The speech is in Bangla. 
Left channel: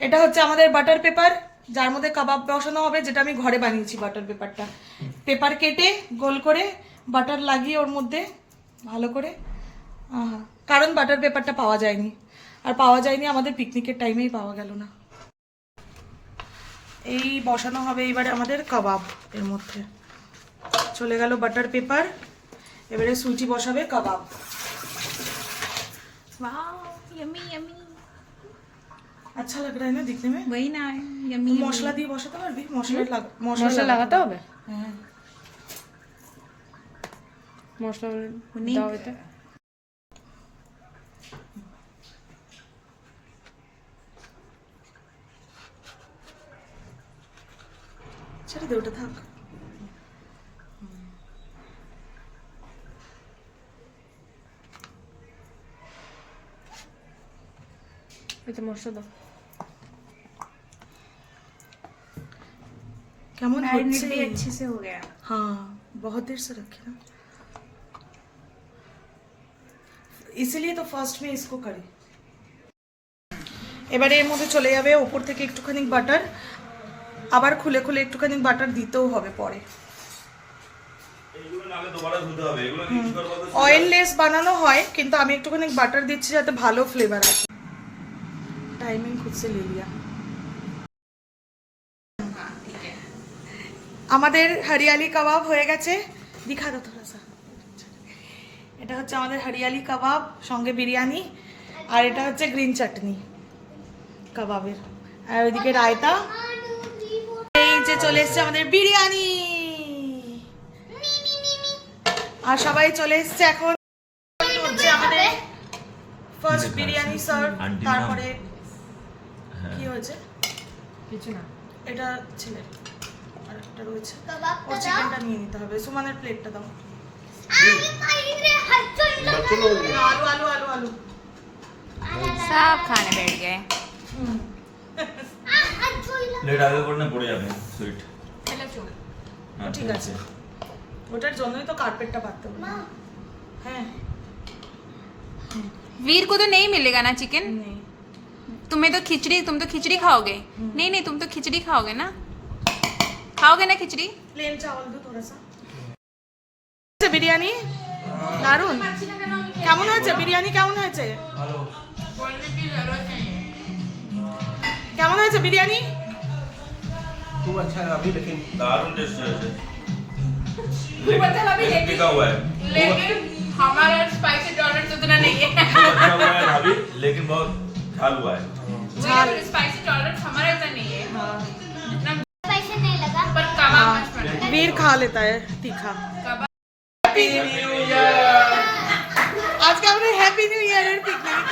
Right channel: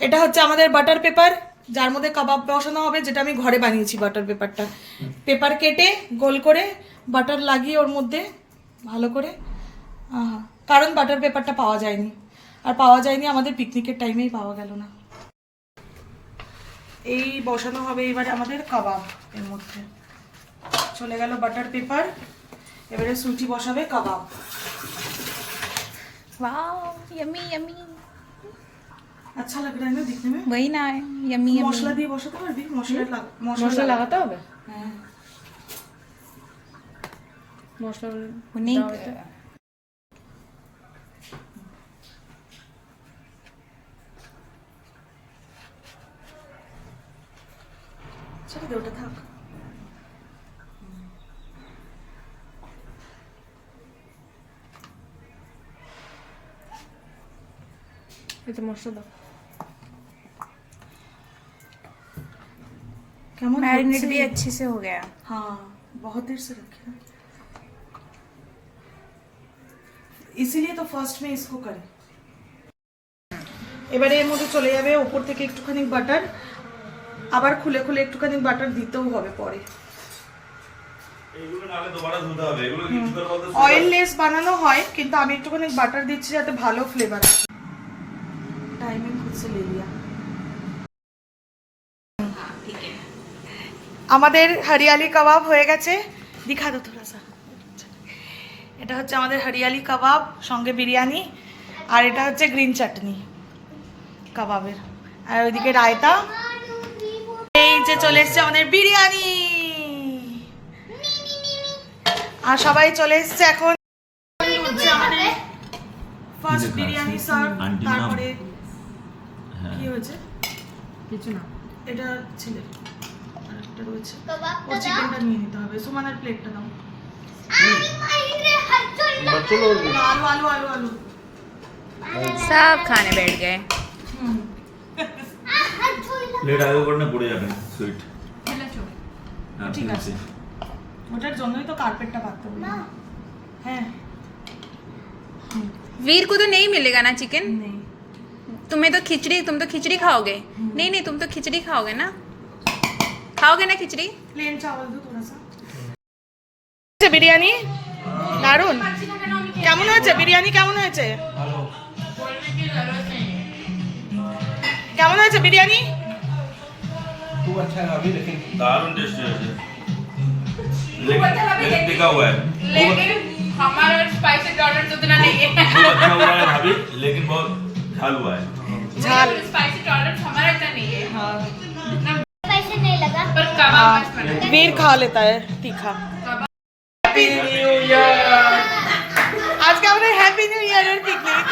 এটা হচ্ছে আমাদের বাটার পেপার, যার মধ্যে কাবাব বসানো হবে, যেটা আমি ঘরে বানিয়েছি। বাটার পেপারটা, পেপার কেটে গোল করে বাটার লাগিয়ে ওর মধ্যে ভালো করে, কারণ বাটার পেপারটা পাওয়া যায়নি, আর পাওয়া যায়নি আমাদের পিকনিকের টাইমেই পাওয়া গেল না। এই বসানো হবে এবারে আমাদের কাবাব। এর মধ্যে চলে গেল বাটার পেপার, এবারে সুইটি বসাবে কাবাব। Wow yummy yummy. अच्छा लग रहा है ना दिखने में? वही ना है यम्मी यम्मी। মশলা দিয়ে বসাতে পারবি? মশলা লাগাতে হবে? হ্যাঁ মশলা नहीं দাও এতে। ছেড়ে দে, ওটা থাক। এতে মশলা দাও। কেমন मैरिनेट হচ্ছে? भी अच्छे से हो गया। हाँ बहुत देर से रखे ना, इसीलिए तो फर्स्ट में इसको करी। এবারে এর মধ্যে চলে যাবে উপর থেকে একটুখানি বাটার, আবার খুলে খুলে একটুখানি বাটার দিতেও হবে পরে। এগুলো নালে দুবারা ধুতে হবে, এগুলো কিছু করে বলতে অয়েললেস বানানো হয়, কিন্তু আমি একটুখানি বাটার দিচ্ছি যাতে ভালো ফ্লেভার আসে। টাইমিং खुद से ले लिया। আমাদের হরিয়ালি কাবাব হয়ে গেছে, দিখা দাও থোড়া সা। এটা হচ্ছে আমাদের হরিয়ালি কাবাব, সঙ্গে বিরিয়ানি, আর এটা হচ্ছে গ্রিন চাটনি কাবাবের, আর ওইদিকে রায়তা। এই যে চলে এসছে আমাদের বিরিয়ানি, আর সবাই চলে এসছে এখন। হচ্ছে আমাদের ফার্স্ট বিরিয়ানি সার্ভ। তারপরে কি হয়েছে? কিছু না। এটা ছেলে আরেকটা রয়েছে, ও চিকেনটা নিয়ে নিতে হবে। সুমানের প্লেটটা দাও। না, আলু আলু আলু আলু। सब खाने बैठ गए। প্লেট আগে করে না পড়ে যাবে সুইট। ঠিক আছে, ওটার জন্যই তো কার্পেটটা পাততে হবে। হ্যাঁ वीर को तो नहीं मिलेगा ना चिकन। নেই। तुम्हें तो खिचड़ी, तुम तो खिचड़ी खाओगे। नहीं नहीं तुम तो खिचड़ी खाओगे ना, खाओगे ना खिचड़ी। প্লেন চাওয়াল দো থোড়া সা। বিরিয়ানি দারুন। কেমন হয়েছে বিরিয়ানি? কেমন হয়েছে? কেমন হয়েছে বিরিয়ানি? खूब अच्छा है अभी, लेकिन दारुण टेस्ट है लेकिन टिका हुआ है, हमारा स्पाइसी टॉलरेंस उतना नहीं है। खूब अच्छा हुआ है भाभी, लेकिन बहुत झाल हुआ है। ঝাল। स्पाइसी टॉलरेंस हमारा इतना नहीं है। हाँ पर कबाब मस्त बना है। वीर खा लेता है तीखा। Happy new year. आज का हमारे हैप्पी न्यू ईयर पिकनिक।